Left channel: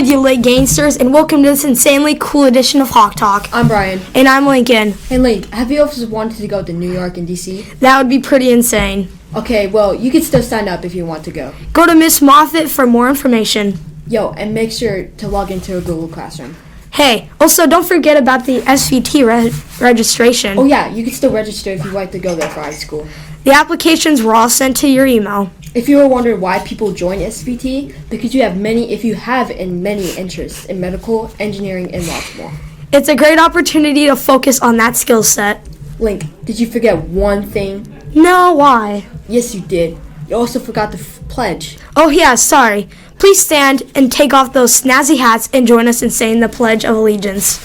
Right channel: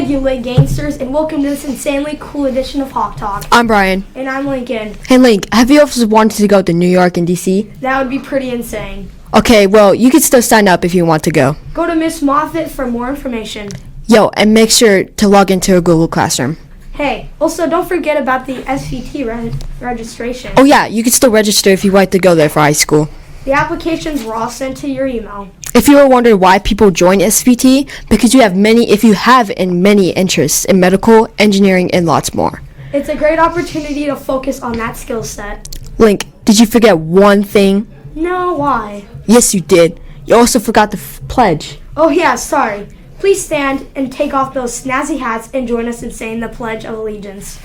good, you lit gangsters, and welcome to this insanely cool edition of Hawk Talk. I'm Brian. And I'm Lincoln. Hey Link, have you ever wanted to go to New York and DC? That would be pretty insane. Okay, well, you can still sign up if you want to go. Go to Miss Moffat for more information. Yo, and make sure to log into a Google Classroom. Hey, also don't forget about the SVT registration. Oh yeah, you can still register if you want to go there for high school. The applications were all sent to your email. If you were wondering why people join SVT, because you have many interests in medical, engineering, and lots more. It's a great opportunity to focus on that skill set. Link, did you forget one thing? No, why? Yes, you did. You also forgot the pledge. Oh yeah, sorry. Please stand and take off those snazzy hats and join us in saying the Pledge of Allegiance.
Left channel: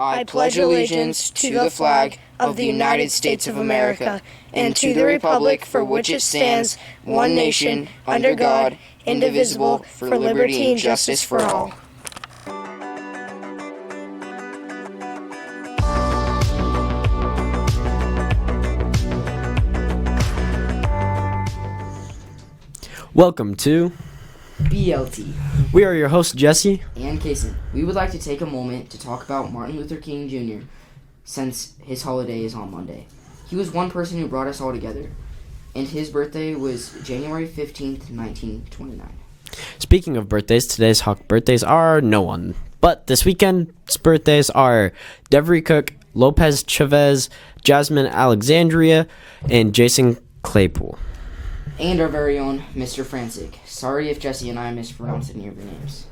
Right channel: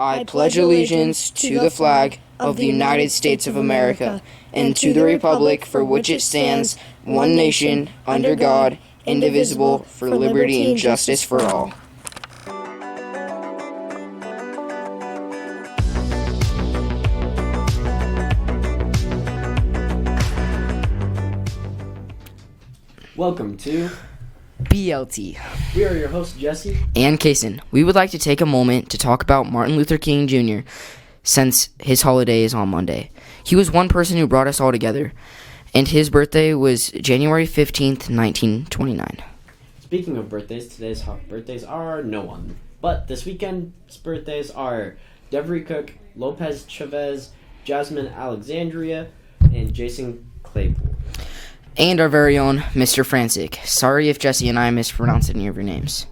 I pledge allegiance to the flag of the United States of America and to the republic for which it stands, one nation, under God, indivisible, for liberty and justice for all. Welcome to BLT. We are your hosts, Jesse And Kaysen, we would like to take a moment to talk about Martin Luther King Jr. since his holiday is on Monday. He was one person who brought us all together, and his birthday was January 15th, 1929. Speaking of birthdays, today's Hawk birthdays are no one. But this weekend's birthdays are Devery Cook, Lopez Chavez, Jasmine Alexandria, and Jason Claypool. And our very own Mr. Frantic. Sorry if Jesse and I mispronounced any of your names.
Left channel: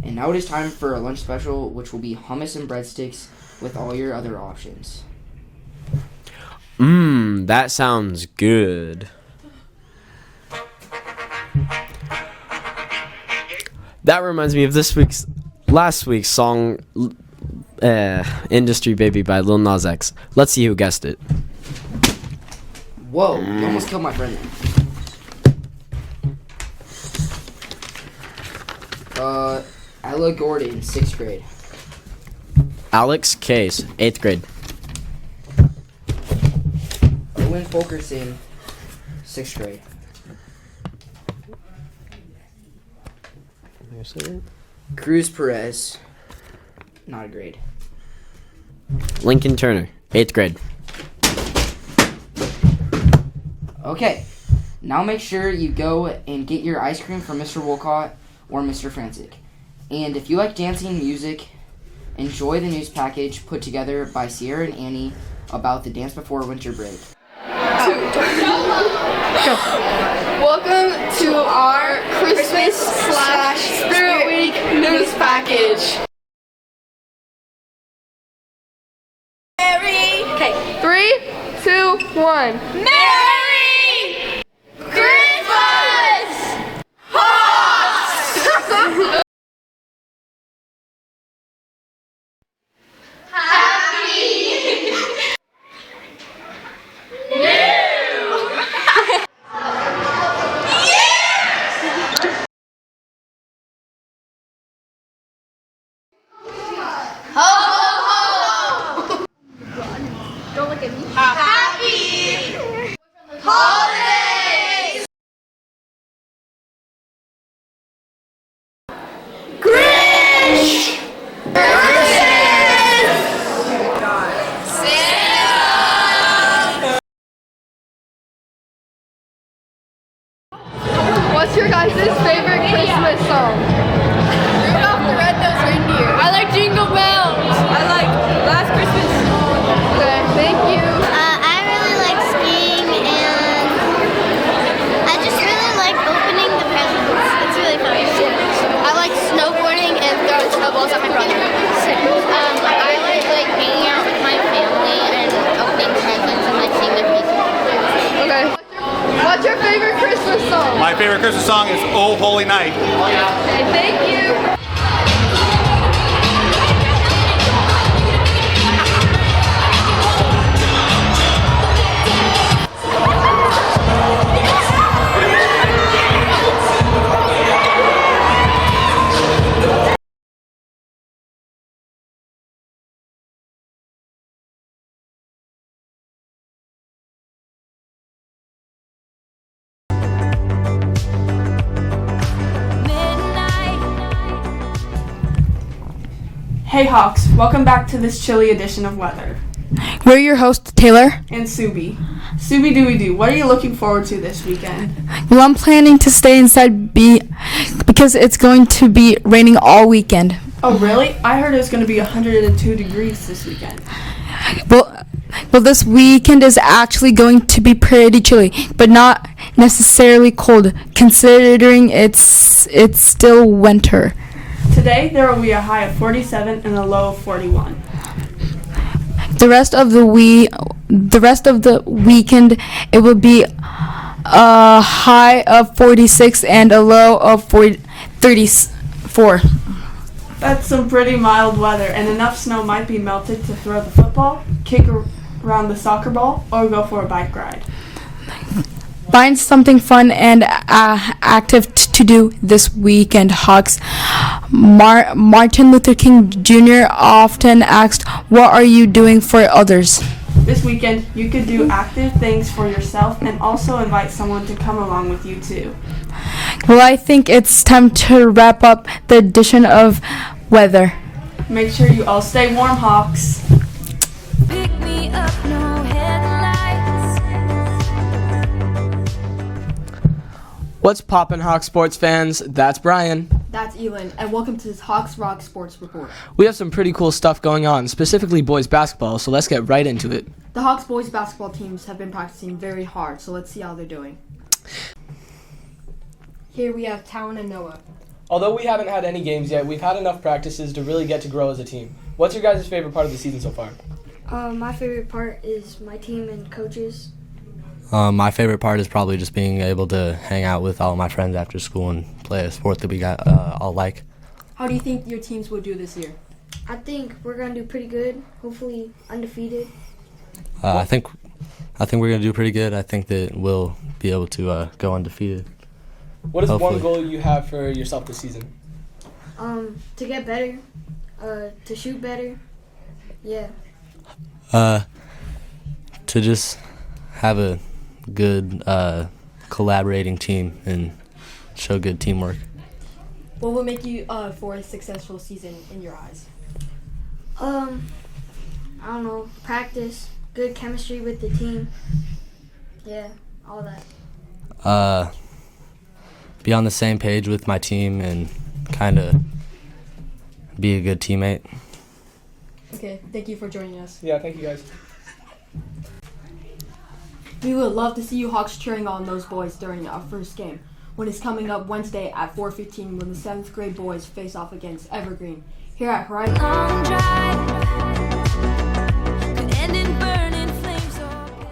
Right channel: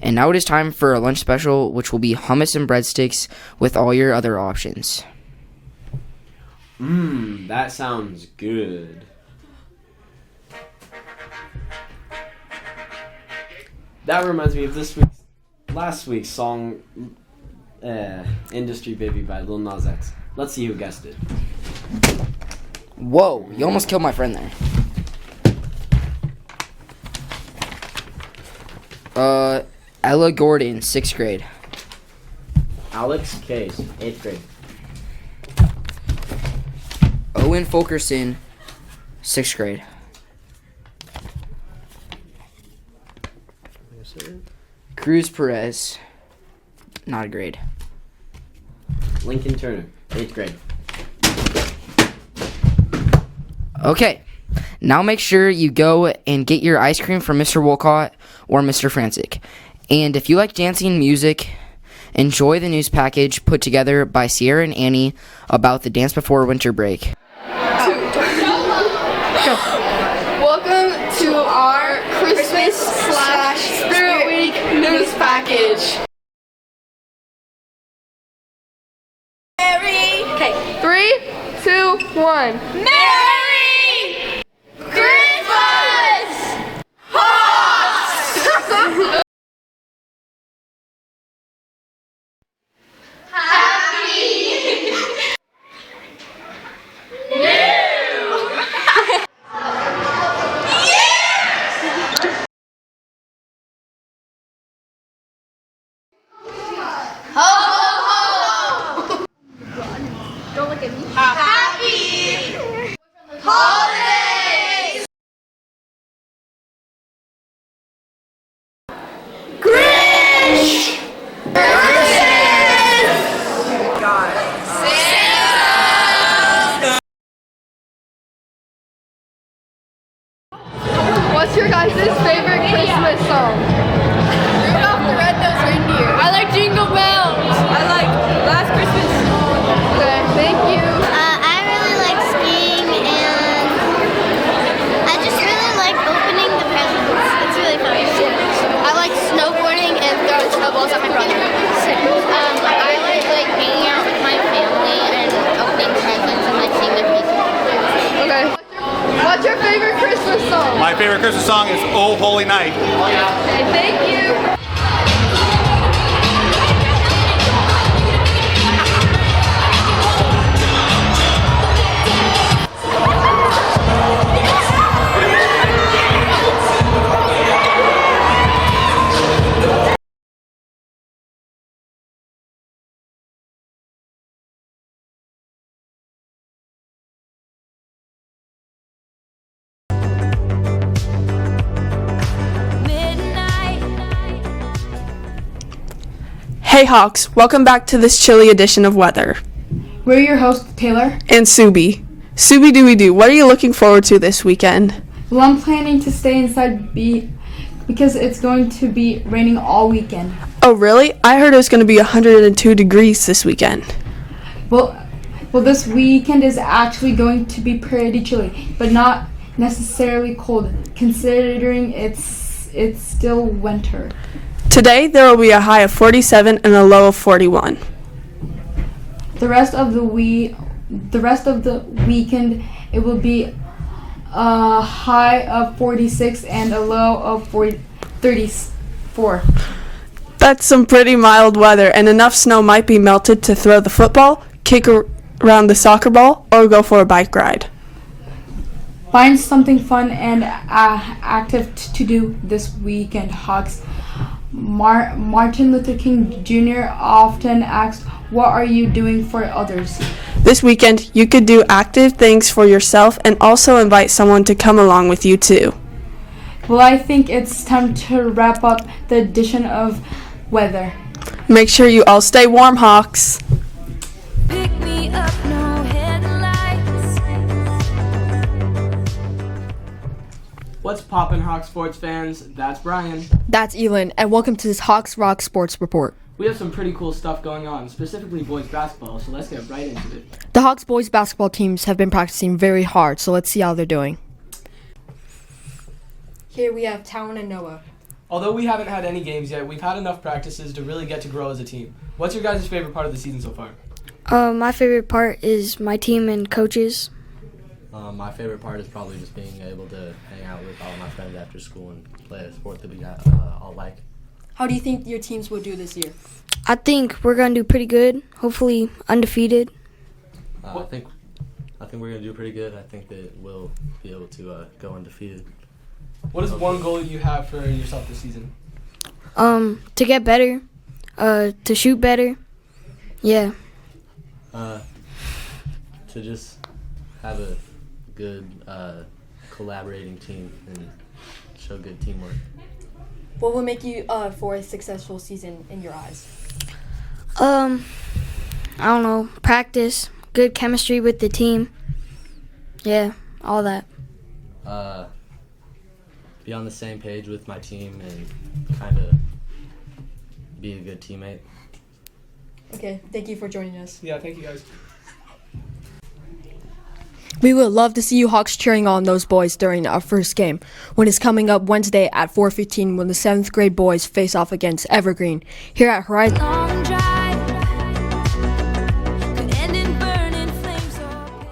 And now it is time for a lunch special, which will be hummus and breadsticks with all your other options. That sounds good. That reminds me of last week's song, Industry Baby by Lil Nas X. Let's see who guessed it. Whoa, you almost killed my friend then. Ella Gordon, 6th grade. Alex Case, 8th grade. Owen Fulkerson, 6th grade. Cruz Perez, not a grade. Lincoln Turner, 8th grade. Okay, now make sure you go and get your ice cream from Mr. Wolcott or Mr. Frantic. And if you like dancing music, enjoy the news package put together by Sierra and Annie about the dance before winter break. Welcome to our Christmas/Spirit Week news package. Okay, 3, 2, 1. Merry Christmas! Happy Holidays! Grinch! What's your guys' favorite Christmas song? Rudolph the Red-Nosed Reindeer. I like Jingle Bells. I like Last Christmas. Okay, thank you. I really like skiing and I just really like opening the presents. It's really fun. I like snowboarding and throwing snowballs at my brother. I like hanging out with my family and opening presents and like seeing their faces. Okay. What's your favorite Christmas song? My favorite Christmas song is Oh Holy Night. Okay, thank you. Hey Hawks, welcome back to this chilly edition of Weather. We're your hosts, Taylor. And Subi. Subi Dooby Doo, what are you looking forward to this weekend? Well, I'm planning to stay inside because it's going to be raining all weekend. Oh really? I heard it's going to be 102 degrees this weekend. Well, this weekend is actually going to be pretty chilly, but not necessarily cold, considering it's still winter. Today there will be a high of 47 and a low of 41. The rest of the weekend, it will be a high of 46 and a low of 34. That's some pretty mild weather, and enough snow might be melted to throw the football, kick around the soccer ball, or go for a bike ride. Find something fun and active to do this weekend, Hawks. Martin Luther King Jr. often asked, "What are you doing for others?" This weekend, you could do active things for yourself and also invite someone to come along with you too. Well, I think it's time to wrap up the edition of Weather. Make sure you all stay warm, Hawks. Pick me up, no headlights. What's poppin', Hawk sports fans? That's Brian. That's Elin, and welcome to this Hawks Rock Sports Report. We have some pretty cool stuff going on, specifically boys basketball, so let's get right into it. The Hawks boys basketball teams have been practicing very hard, so let's see how they're doing. Here we have Talon and Noah. Although we haven't had any games yet, we've had enough practices to really get to grow as a team. What's your guys' favorite part of the season so far? My favorite part is my team and coaches. My favorite part is probably just being able to hang out with all of my friends after school and play a sport that we got all like. How do you think your teams will do this year? I think we're going to do pretty good, hopefully undefeated. I think we're going to do pretty good. I think that we'll be able to go undefeated. What is Hopefully. one goal you have for yourself this season? To get better, to shoot better. Yeah. To just have a good collaborating team and show good teamwork. What will make you for a successful season in your eyes? I don't know, practice, good chemistry with the team. Yeah, all that. Be on the same page with my team and kind of be a good teammate. Okay, thank you for joining us. Yeah, thank you guys. We would love to see you Hawks cheering on those boys during our first game, when it's coming up Wednesday at 4:15 when the 7th grade boys face off against Evergreen here at Horizon. Long drive could end in burning flames or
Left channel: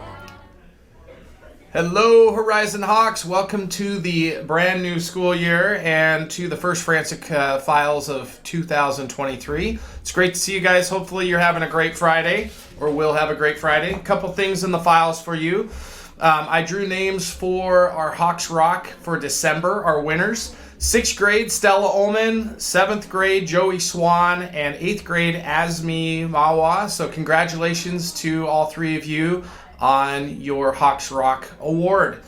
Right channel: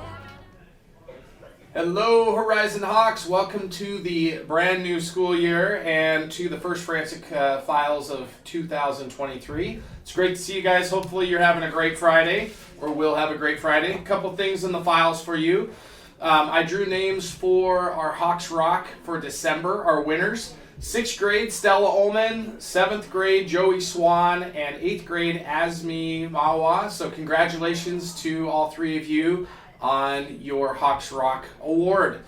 Hello, Horizon Hawks. Welcome to the brand new school year and to the first Frantic Files of 2023. It's great to see you guys. Hopefully you're having a great Friday, or will have a great Friday. A couple things in the files for you. I drew names for our Hawks Rock for December, our winners. 6th grade, Stella Ullman. 7th grade, Joey Swan. And 8th grade, Asmi Mawa. So congratulations to all three of you on your Hawks Rock award.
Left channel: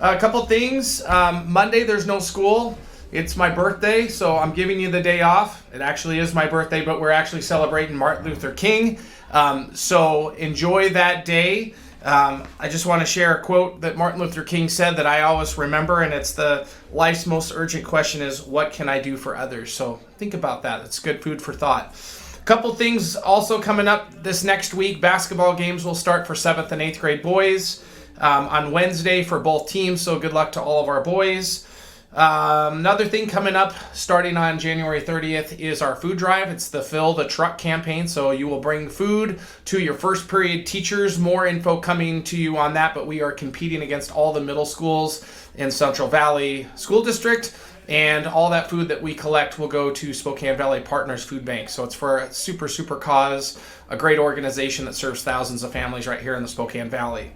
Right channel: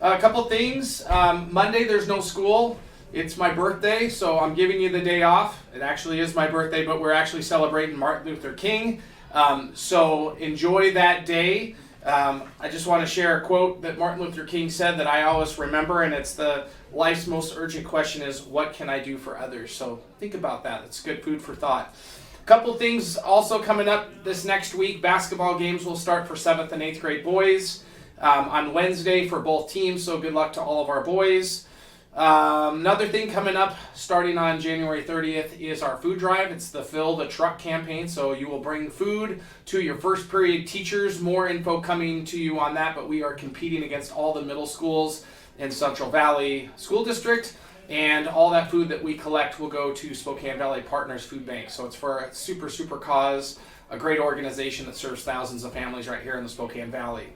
A couple things. Monday, there's no school. It's my birthday, so I'm giving you the day off. It actually is my birthday, but we're actually celebrating Martin Luther King. So enjoy that day. I just want to share a quote that Martin Luther King said that I always remember, and it's the life's most urgent question is, what can I do for others? So think about that. It's good food for thought. Couple things also coming up this next week. Basketball games will start for 7th and 8th grade boys on Wednesday for both teams, so good luck to all of our boys. Another thing coming up starting on January 30th is our food drive. It's the Fill the Truck campaign, so you will bring food to your first period teachers. More info coming to you on that, but we are competing against all the middle schools in Central Valley School District. And all that food that we collect will go to Spokane Valley Partners Food Bank. So it's for a super, super cause, a great organization that serves thousands of families right here in the Spokane Valley.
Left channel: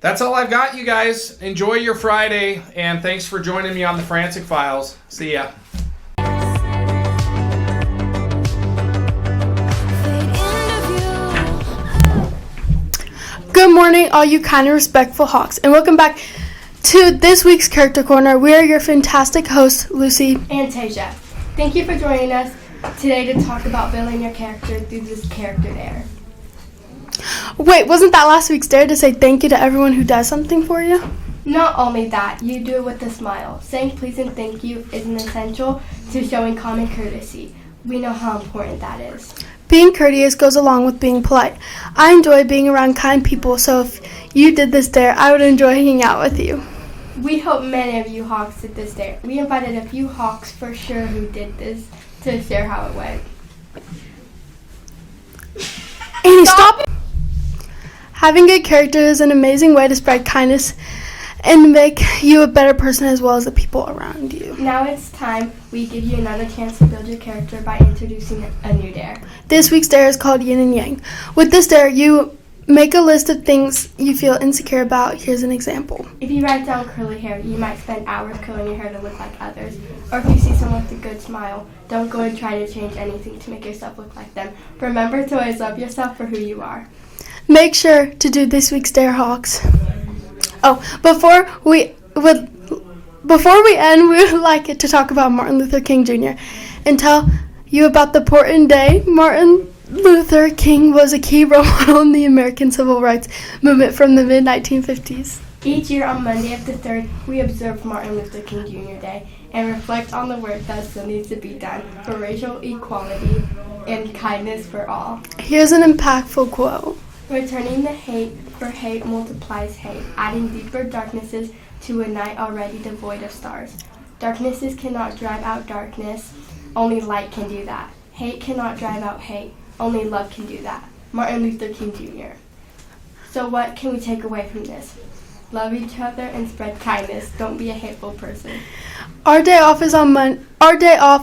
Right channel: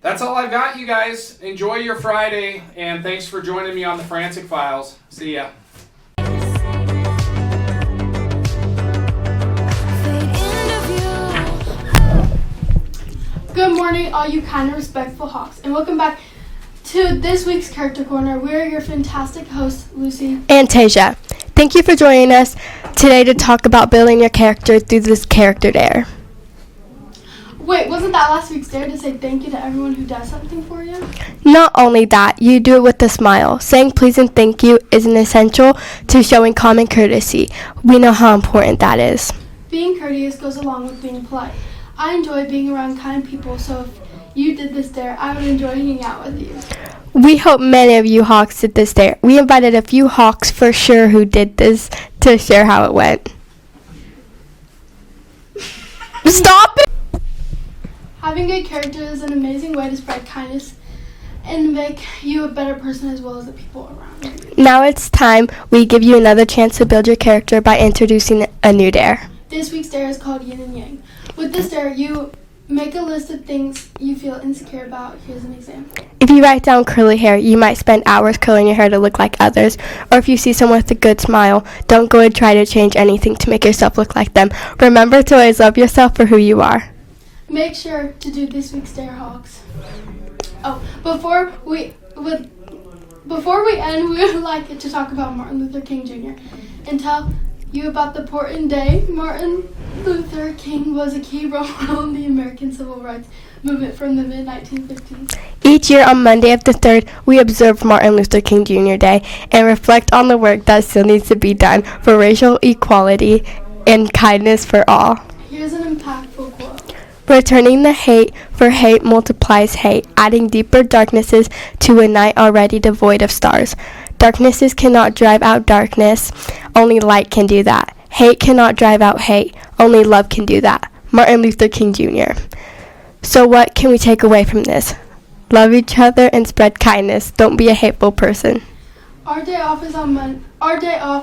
That's all I've got, you guys. Enjoy your Friday, and thanks for joining me on the Frantic Files. See ya. Good morning, all you kind and respectful Hawks, and welcome back to this week's Character Corner. We are your fantastic hosts, Lucy and Tasia. Thank you for joining us today to talk about building your character through this character dare. Wait, wasn't that last week's dare to say thank you to everyone who does something for you? Not only that, you do it with a smile. Saying please and thank you is an essential to showing common courtesy. We know how important that is. Being courteous goes along with being polite. I enjoy being around kind people, so if you did this dare, I would enjoy hanging out with you. We hope many of you Hawks did this dare. We invited a few Hawks for sure who did this to share how it went. Stop it! Having good character is an amazing way to spread kindness and make you a better person as well as the people around you. Now it's time we give you another chance to build your character by introducing a new dare. This week's dare is called Yin and Yang. With this dare, you make a list of things you feel insecure about. Here's an example. If you write down curly hair, you might spend hours curling your hair to look like others. Or if you see someone with a good smile, don't go and try to change anything to make yourself look like them. Remember to always love yourself for who you are. Make sure to do this week's dare, Hawks. Oh, before we end, we would like it to talk about Martin Luther King Jr. and tell you about the important day. Martin Luther King was a key role model in the American Civil Rights Movement from the mid-1950s. Each year on Monday of the 3rd, we observe Martin Luther King Jr. Day and reflect on the work that still needs to be done for racial equality and kindness for all. Here's an impactful quote. Returning the hate, for hate multiplies hate, adding deeper darknesses to a night already devoid of stars. Darknesses cannot drive out darkness, only light can do that. Hate cannot drive out hate, only love can do that. Martin Luther King Jr. So what can we take away from this? Love each other and spread kindness. Don't be a hateful person. Our day off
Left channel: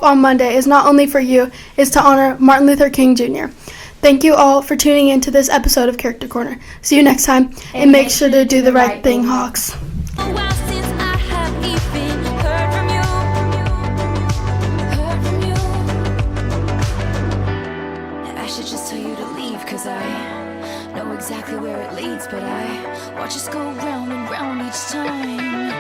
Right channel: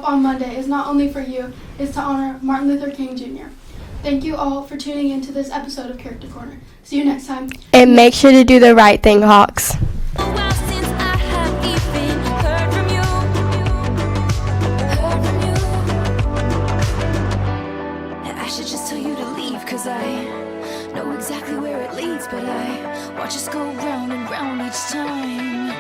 on Monday is not only for you, it's to honor Martin Luther King Jr. Thank you all for tuning in to this episode of Character Corner. See you next time. And make sure to do the right thing, Hawks. A while since I have even heard from you. I should just tell you to leave, cause I know exactly where it leads, but I watch us go round and round each time.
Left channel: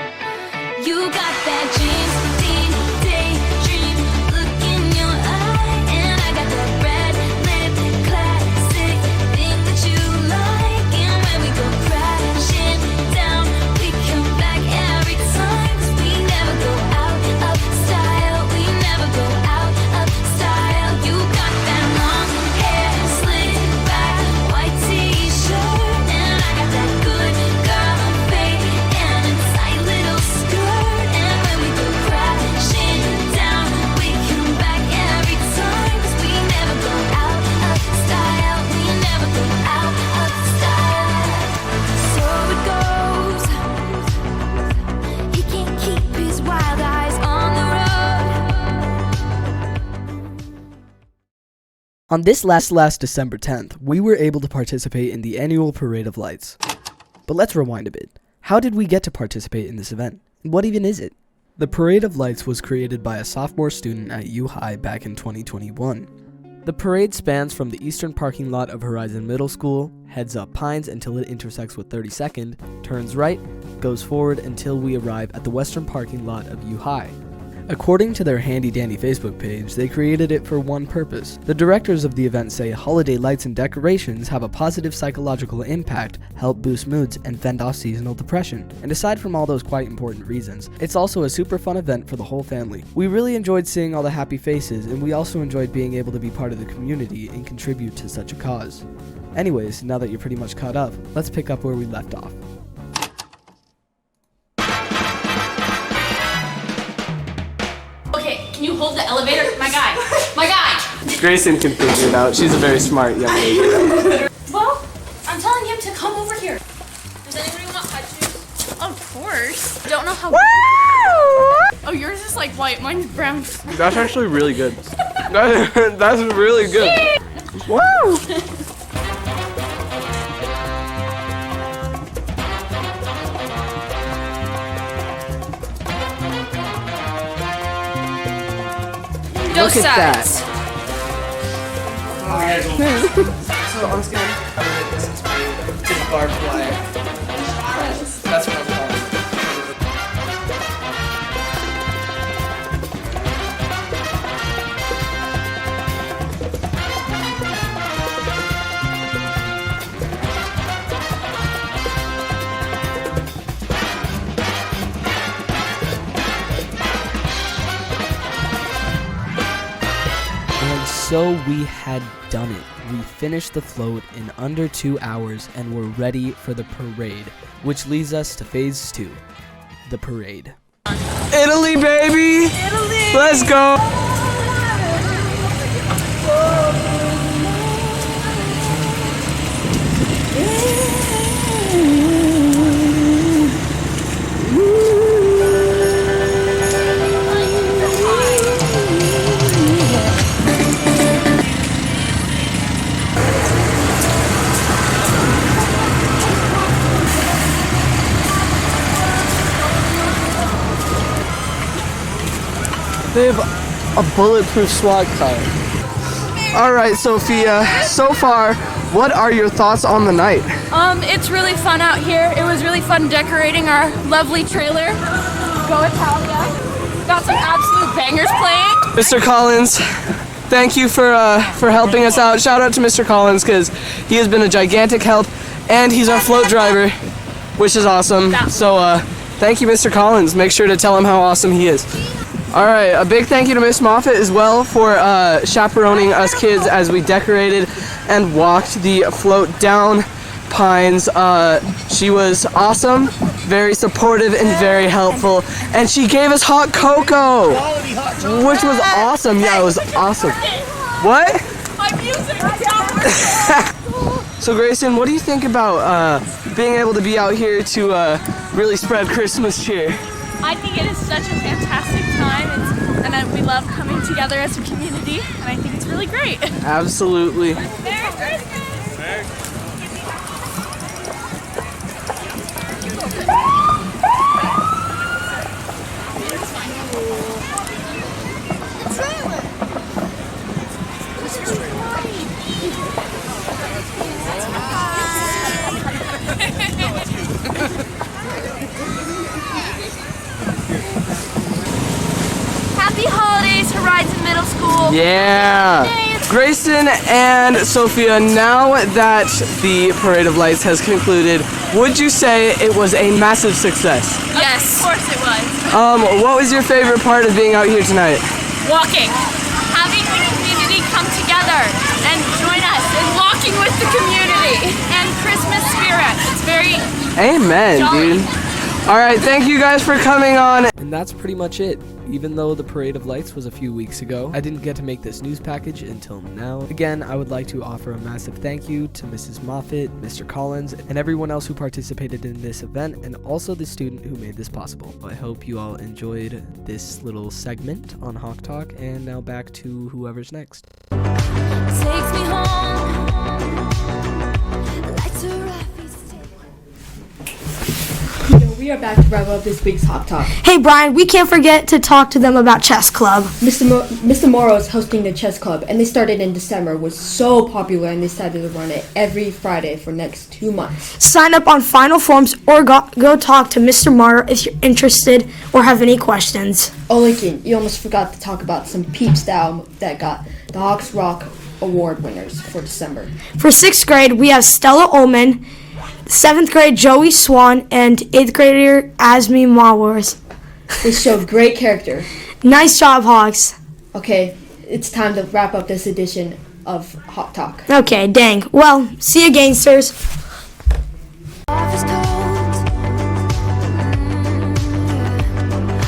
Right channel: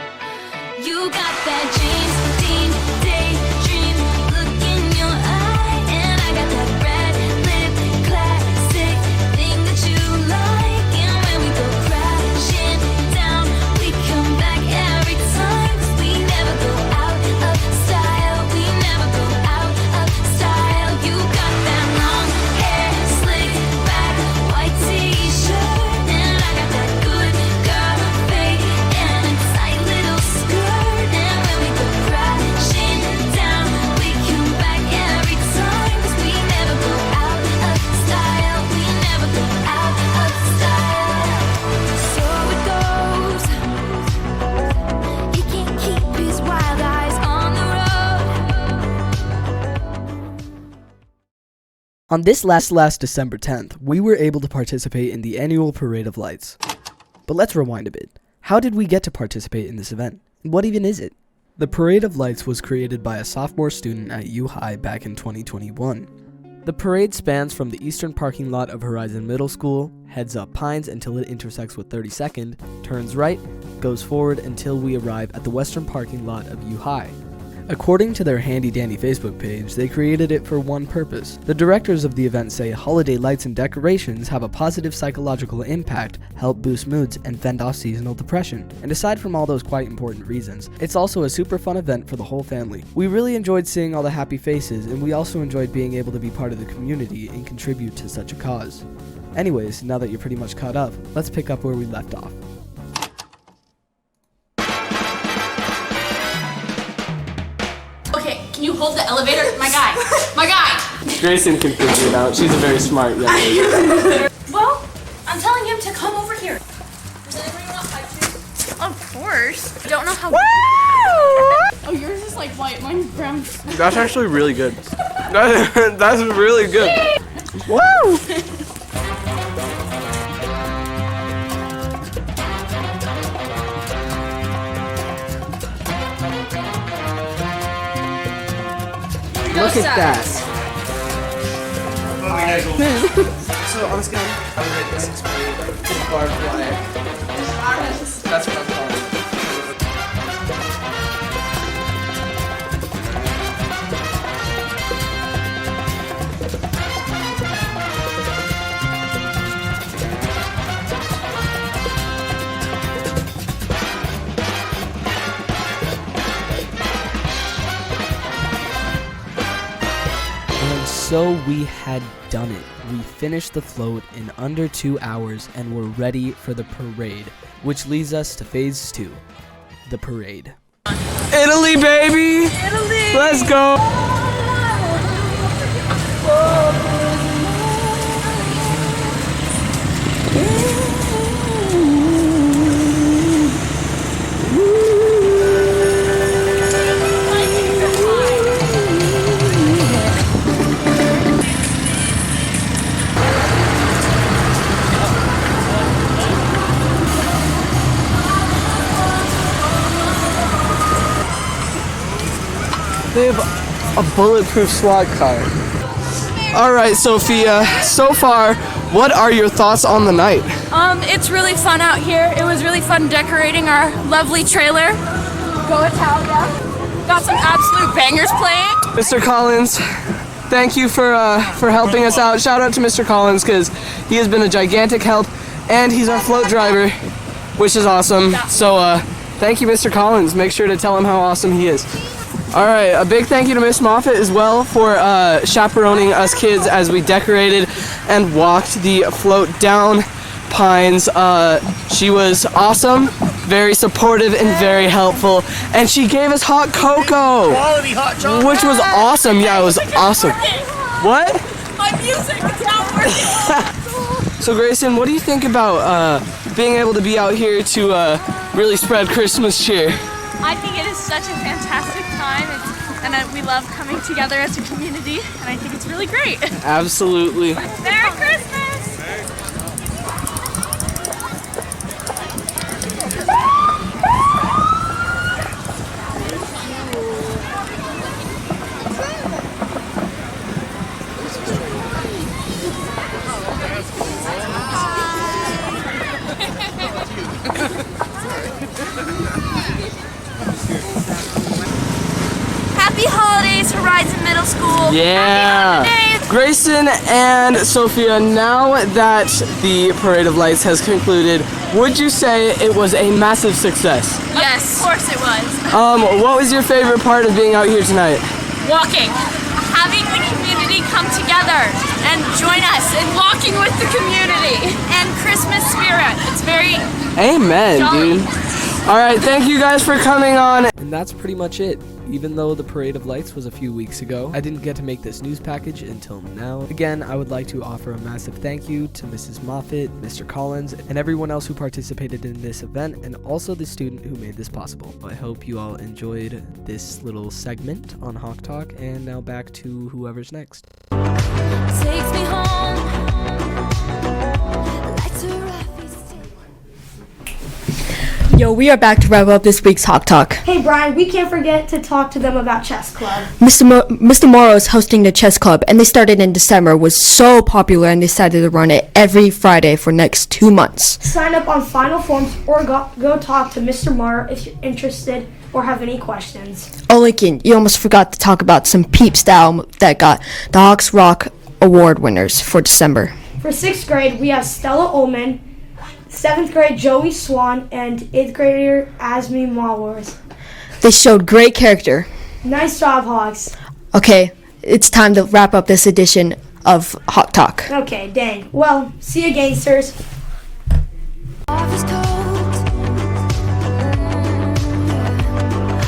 You got that James Dean daydream look in your eye, and I got that red lip classic thing that you like. And when we go crashing down, we come back every time, 'cause we never go out of style. We never go out of style. You got that long hair slicked back, white t-shirt, and I got that good girl fade and a tight little skirt. And when we go crashing down, we come back every time, 'cause we never go out of style. We never go out of style. So it goes. He can't keep his wild eyes on the road. On this last December 10th, we were able to participate in the annual Parade of Lights. But let's rewind a bit. How did we get to participate in this event? What even is it? The Parade of Lights was created by a sophomore student at U High back in 2021. The parade spans from the eastern parking lot of Horizon Middle School, heads up Pines until it intersects with 32nd, turns right, goes forward until we arrive at the western parking lot of U High. According to their handy dandy Facebook page, they created it for one purpose. The directors of the event say holiday lights and decorations have a positive psychological impact, help boost moods, and fend off seasonal depression. And aside from all those quite important reasons, it's also a super fun event for the whole family. We really enjoyed seeing all the happy faces, and we also enjoyed being able to be part of the community and contribute to such a cause. Anyways, now that you're pretty much caught up, let's pick up where we left off. Okay, can you hold the elevator? My guy. My guy. Grayson can figure it out. She's a very smart young lady. Well, I'm telling him to come over here. Does anybody want ice cream? Of course. Don't know how. Oh, yours is like white. Mine's brown. That's actually really good. That's really good. Woo! Look at that. So on scale, I would rate this experience to the barbed wire. That's what I'm calling it. So we had done it. We finished the float in under 2 hours and were ready for the parade, which leads us to phase 2, the parade. Italy, baby! Italy! Let's go! They have a bulletproof SWAT car. All right, Sophia, so far, what are your thoughts on the night? It's really fun out here. It was really fun decorating our lovely trailer. Go Italia. Got some absolute bangers playing. Mr. Collins, thank you for helping us out. Shout out to Mr. Collins because he has been a gigantic help, and he's our float driver, which is awesome. So thank you, Mr. Collins. Make sure to tell him how awesome he is. All right, a big thank you to Miss Moffitt as well for chaperoning us kids as we decorated and walked the float down Pines. She was awesome, very supportive and very helpful, and she gave us hot cocoa, which was awesome. Yeah, it was awesome. What? My music is not working. So Grayson, what do you think about being able to be out here to really spread Christmas cheer? I think it is such a fantastic time, and we love coming together as a community, and I think it's really great. Absolutely. Merry Christmas! Happy holidays, Horizon Middle School. Yeah. Grayson and Sophia, now that the Parade of Lights has concluded, would you say it was a massive success? Yes, of course it was. What was your favorite part of being out here tonight? Walking. Having the community come together and join us in walking with the community and Christmas spirit. It's very Amen, jolly. dude. All right, thank you guys for coming on. And that's pretty much it. Even though the Parade of Lights was a few weeks ago, I didn't get to make this news package until now. Again, I would like to offer a massive thank you to Mrs. Moffitt, Mr. Collins, and everyone else who participated in this event, and also the student who made this possible. I hope you all enjoyed this little segment on Hawk Talk, and now back to whoever's next. Takes me home. Lights are off. Yo, we are back to wrap up this week's Hawk Talk. Hey Brian, we can't forget to talk to them about chess club. Mr. Morrow is hosting the chess club, and they started in December. Was so popular, and they decided to run it every Friday for next 2 months. Sign up on final forms or go talk to Mr. Morrow if you're interested or have any questions. Oh, Lincoln, you almost forgot to talk about some peep style that got the Hawks Rock Award winners for December. For 6th grade, we have Stella Ullman, 7th grade Joey Swan, and 8th grader Asmi Mawars. They showed great character. Nice job, Hawks. Okay, it's time to wrap up this edition of Hawk Talk. Okay, dang. Well, see you, gangsters. Office coat.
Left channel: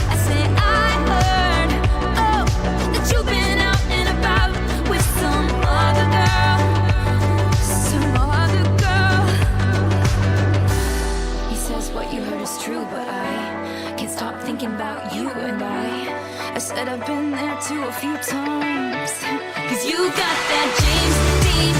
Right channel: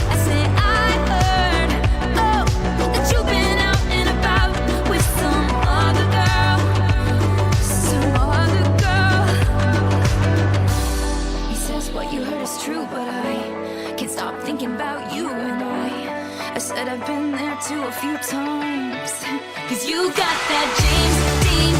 I say I heard, oh, that you've been out and about with some other girl. He says what you heard is true, but I can't stop thinking about you and I said I've been there too a few times. 'Cause you got that James Dean